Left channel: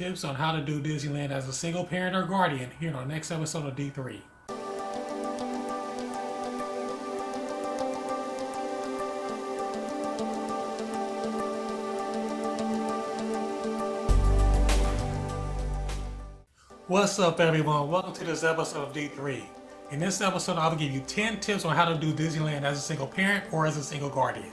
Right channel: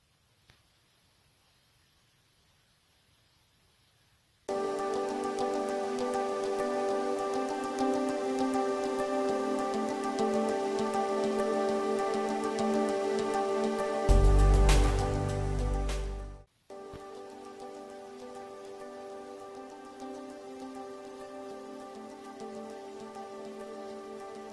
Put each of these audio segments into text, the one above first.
Tips on how to do Disneyland as a single parent or guardian here in our next episode of D3. What's up, everyone? Welcome to this episode of D3. In this episode, I'll give you 10 tips on how to do Disneyland as a single parent or as a single guardian.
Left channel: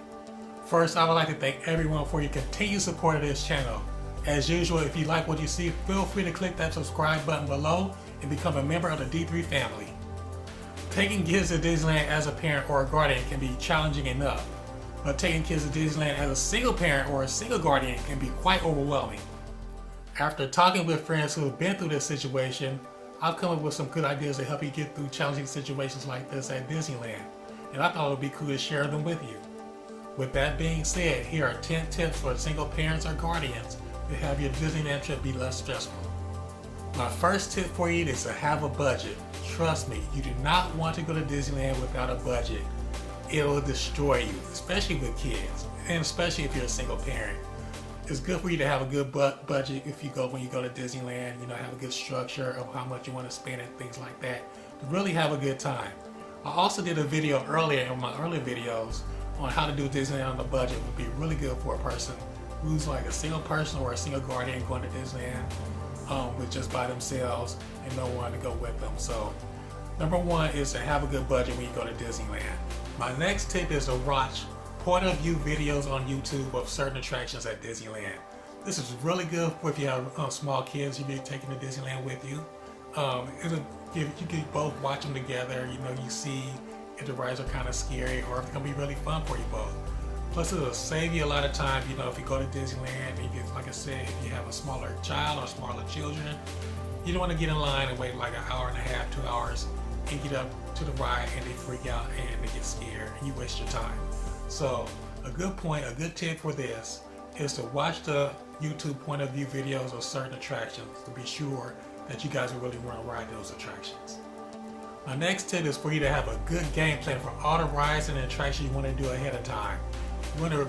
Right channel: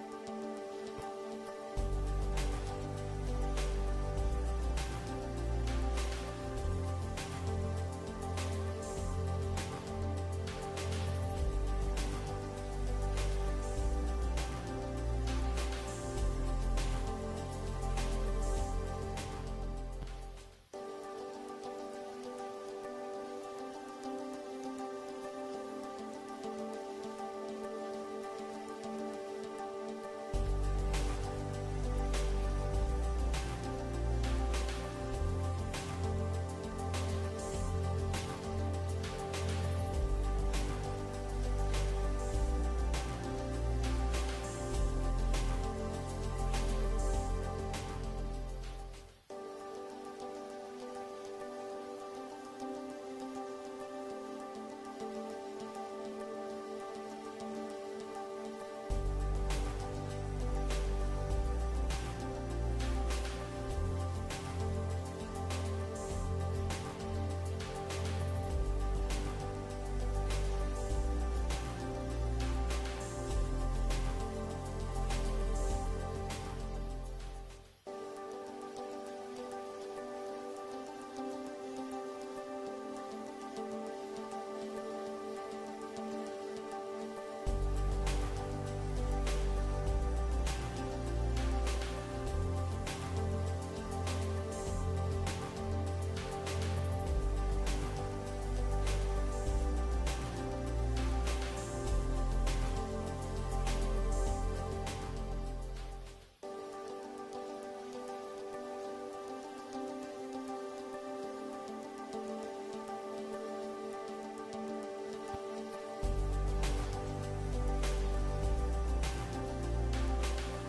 First, I would like to thank everyone for your continued support of this channel. As usual, if you like what you see, feel free to click that subscribe button below and become a member of the D3 family. Taking kids to Disneyland as a parent or a guardian can be challenging enough, but taking kids to Disneyland as a single parent or a single guardian can be quite overwhelming. After talking with friends who have been through this situation, I've come up with some good ideas to help you get through challenging situations like this at Disneyland, and I thought it would be cool to share them with you. With that being said, here are 10 tips for single parents or guardians to have your Disneyland trip be less stressful. My first tip for you is to have a budget. Trust me, you do not want to go to Disneyland without a budget. It will destroy you, especially with kids, and especially if you're a single parent. It's good for you to have a good budget when you go to Disneyland, have a good structure of how much you want to spend and things like that. Really have a good time. I also did a video earlier in my early videos on how to do Disneyland on a budget. Would be really good for a person who's like a single person or a single guardian going to Disneyland with just by themselves and no one to go with them. So number one is to have a good budget when you go to Disneyland. My next tip is to watch point of view videos on YouTube of certain attractions at Disneyland. This is really good for if you have small kids you'll be taking to Disneyland with you. You can both watch them together. You see if the rides are kind of scary or if it's gonna be really fun for you both. Plus, it'll save you a lot of time. If you go to Disneyland, and like I said, if you have a smaller child or smaller children, you don't want to get in line and wait like an hour and a half, 2 hours, and get up to the ride and they freak out and they get scared and you waste your time. So, a good tip for this is to watch the YouTube point of view videos of certain attractions to be sure that you guys will really want to ride those attractions. My next tip is for you to have a good game plan for all the rides and attractions you want to do ahead of time.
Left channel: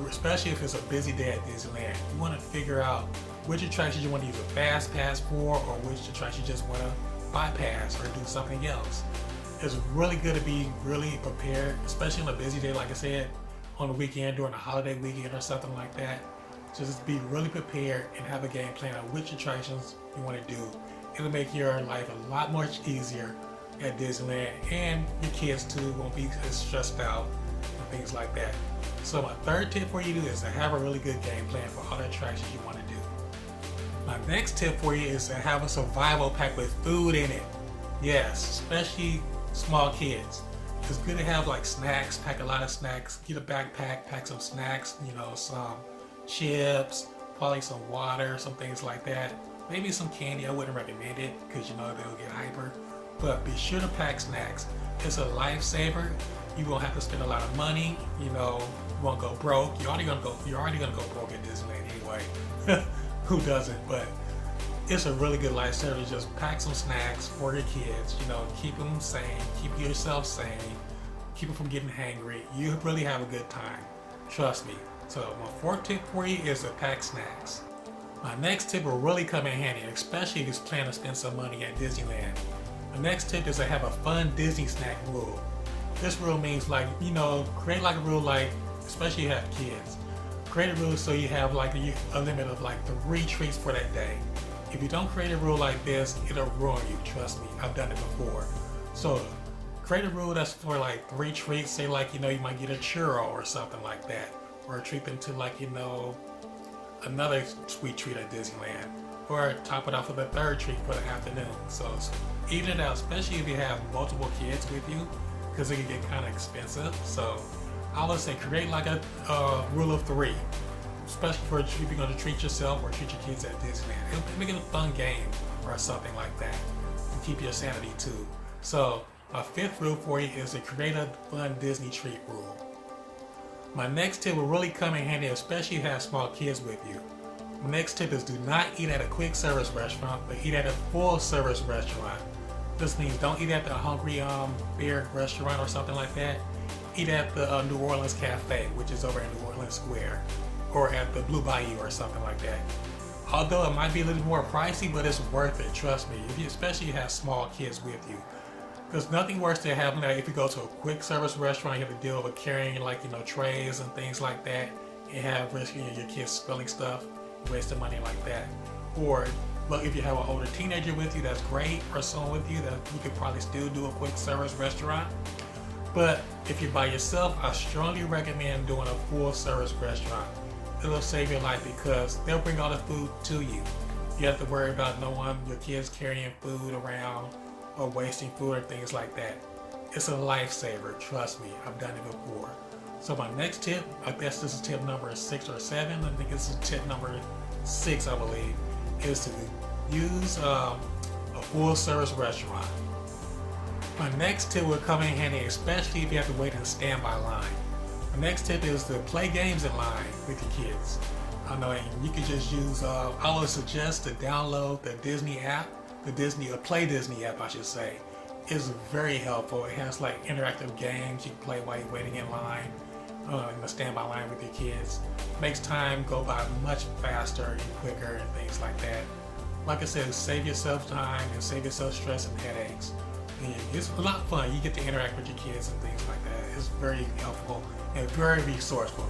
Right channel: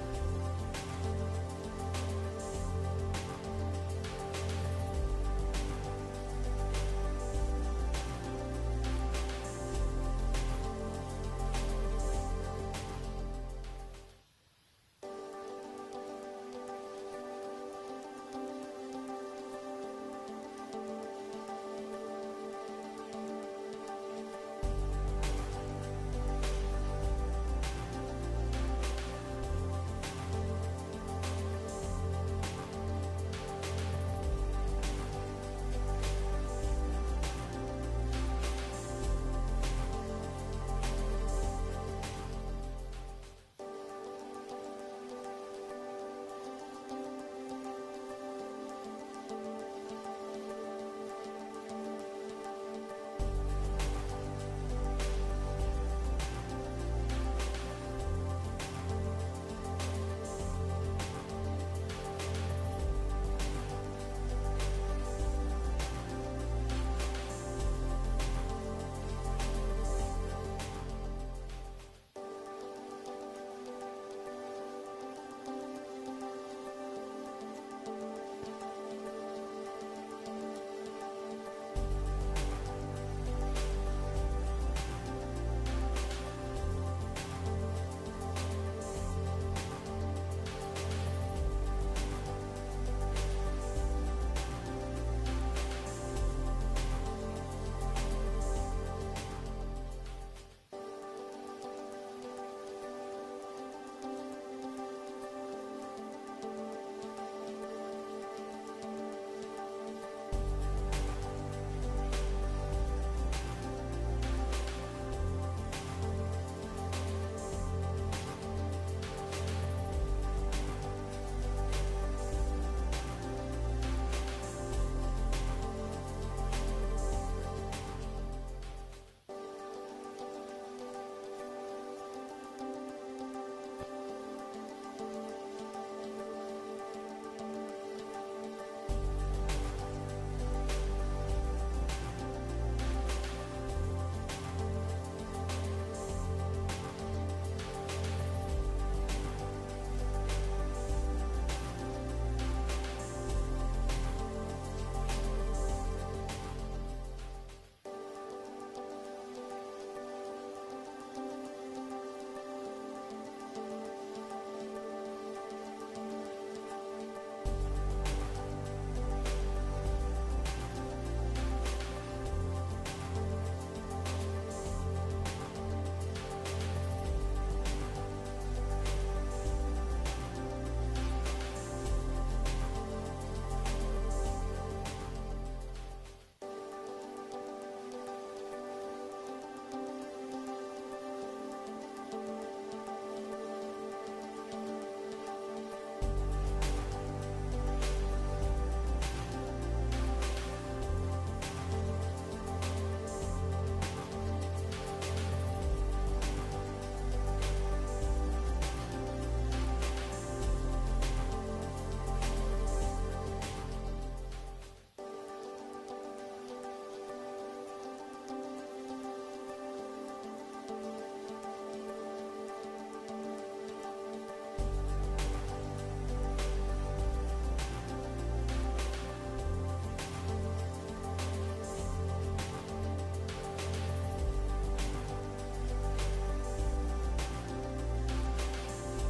Especially if it's a busy day at Disneyland, you want to figure out which attractions you want to use a fast pass for or which attractions you just want to bypass or do something else. It's really good to be really prepared, especially on a busy day, like I said, on a weekend, during a holiday weekend or something like that. Just be really prepared and have a game plan on which attractions you want to do. It'll make your life a lot much easier at Disneyland, and your kids too won't be as stressed out and things like that. So my third tip for you is to have a really good game plan for all the attractions you want to do. My next tip for you is to have a survival pack with food in it. Yes, especially small kids. It's good to have like snacks, pack a lot of snacks, get a backpack, pack some snacks, some chips, probably some water, some things like that. Maybe some candy. I wouldn't recommend it because they'll get hyper. But be sure to pack snacks. It's a lifesaver. You won't have to spend a lot of money. You won't go broke. You're already gonna go broke at Disneyland anyway. Who doesn't? But it's a really good lifesaver. Just pack some snacks for your kids. Keep them sane. Keep yourself sane. Keep them from getting hangry. You really have a good time. Trust me. So my fourth tip for you is to pack snacks. My next tip will really come in handy, especially if you plan to spend some money at Disneyland. The next tip is to have a fun Disney snack rule. This rule means create like a rule especially if you have kids. Create a rule so you have a limit of 3 treats for that day. If you don't create a rule like this, it'll ruin you, trust me. I've done it before. So create a rule that's for 3 treats. Say you might get a churro or something like that. Or treat them to another sweet treat at Disneyland. Or top it off with a 3rd treat for the afternoon. So even it out, especially if you have multiple kids with you, because it can get kind of expensive. So I would say create a rule of 3, especially for if you're going to treat yourself or treat your kids at Disneyland. Make it a fun game or something like that. Keep your sanity too. So my 5th rule for you is to create a fun Disney treat rule. My next tip will really come in handy, especially if you have small kids with you. The next tip is do not eat at a quick service restaurant, but eat at a full service restaurant. This means don't eat at the Hungry Bear restaurant or something like that. Eat at the New Orleans Cafe, which is over in New Orleans Square, or at the Blue Bayou or something like that. Although it might be a little more pricey, but it's worth it, trust me. If you, especially if you have small kids with you. There's nothing worse than having that if you go to a quick service restaurant, you have to deal with carrying like, trays and things like that. You have risk of your kids spilling stuff, wasting money like that. Or, look, if you have an older teenager with you, that's great, or someone with you, that you could probably still do a quick service restaurant. But if you're by yourself, I strongly recommend doing a full service restaurant. It'll save your life because they'll bring all the food to you. You have to worry about no one, your kids carrying food around or wasting food or things like that. It's a lifesaver, trust me, I've done it before. So my next tip, I guess this is tip number 6 or 7, I think this is tip number 6, I believe, is to use a full service restaurant. My next tip will come in handy, especially if you have to wait in a standby line. The next tip is to play games in line with your kids. I know you can just use, I would suggest to download the Disney app, Play Disney app I should say. It's very helpful. It has like interactive games you can play while you're waiting in line, in the standby line with your kids. Makes time go by much faster and quicker and things like that. Like I said, save yourself time and save yourself stress and headaches. It's a lot of fun. You get to interact with your kids and things like that. It's very helpful and very resourceful.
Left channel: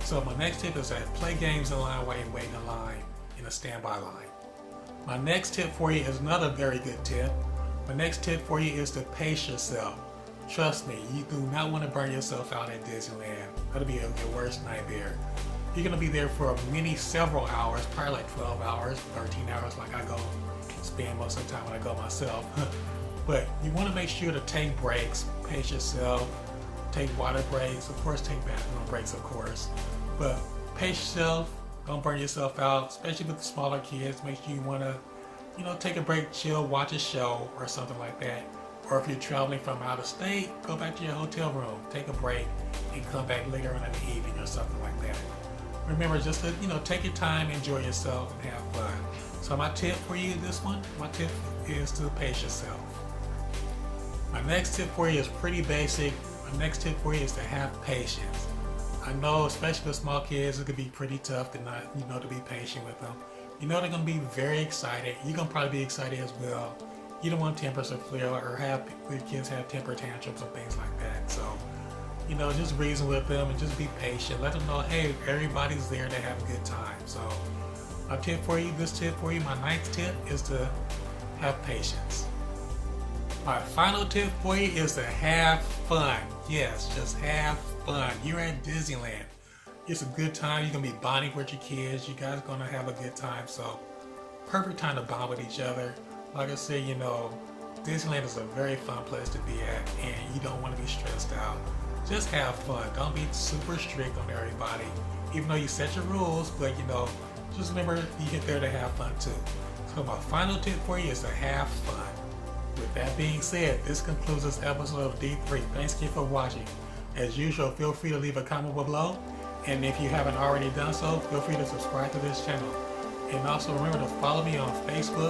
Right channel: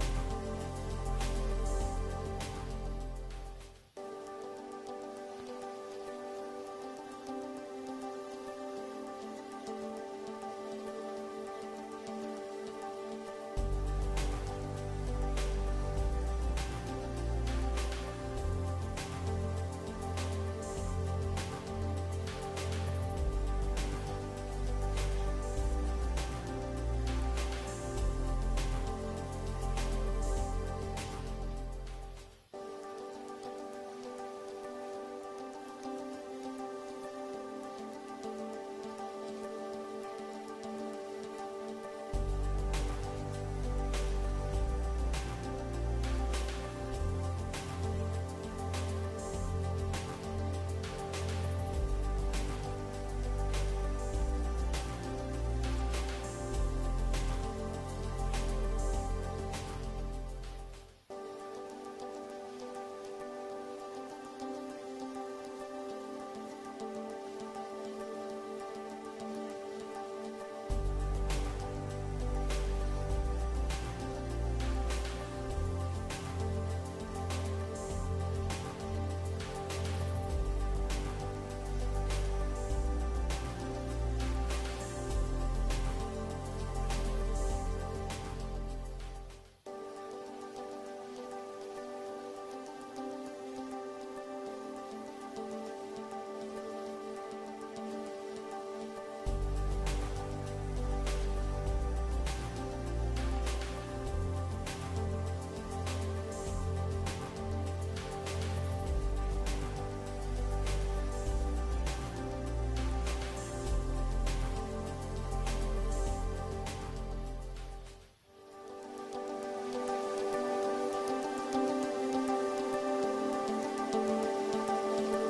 So my next tip is that play games in line while you're waiting in line in a standby line. My next tip for you is another very good tip. My next tip for you is to pace yourself. Trust me, you do not want to burn yourself out at Disneyland. That'll be your worst nightmare. You're going to be there for several hours, probably like 12 hours, 13 hours like I go spend most of the time when I go myself. But you want to make sure to take breaks, pace yourself, take water breaks, of course take bathroom breaks of course. But pace yourself, don't burn yourself out, especially with the smaller kids. Make sure you want to, take a break, chill, watch a show or something like that. Or if you're traveling from out of state, go back to your hotel room, take a break, and come back later on in the evening or something like that. Remember just to, take your time, enjoy yourself, and have fun. So my tip for you, my tip is to pace yourself. My next tip for you is pretty basic. My next tip for you is to have patience. I know, especially with small kids, it could be pretty tough to not, to be patient with them. They're going to be very excited. You're going to probably be excited as well. You don't want tempers to flare or have your kids have temper tantrums and things like that. So, just reason with them and just be patient. Let them know, hey, everybody's there to have a good time. So, my ninth tip is to have patience. My final tip for you is to have fun. Yes, just have fun. You're at Disneyland. It's a good time. You're going to be bonding with your kids. You guys are going to have a good time. So, perfect time to bond with each other. Like I said, Disneyland is a very fun place to be at, and you don't want to be stressed out. Just have fun. Don't be super strict on everybody, even though you set your rules, but just remember you get there to have fun too. So my final tip for you is to have fun. With that being said, this concludes this episode of D3. Thanks again for watching. As usual, feel free to leave a comment below, and if you haven't already done so, feel free to subscribe to this channel. And also remember to follow me on Facebook,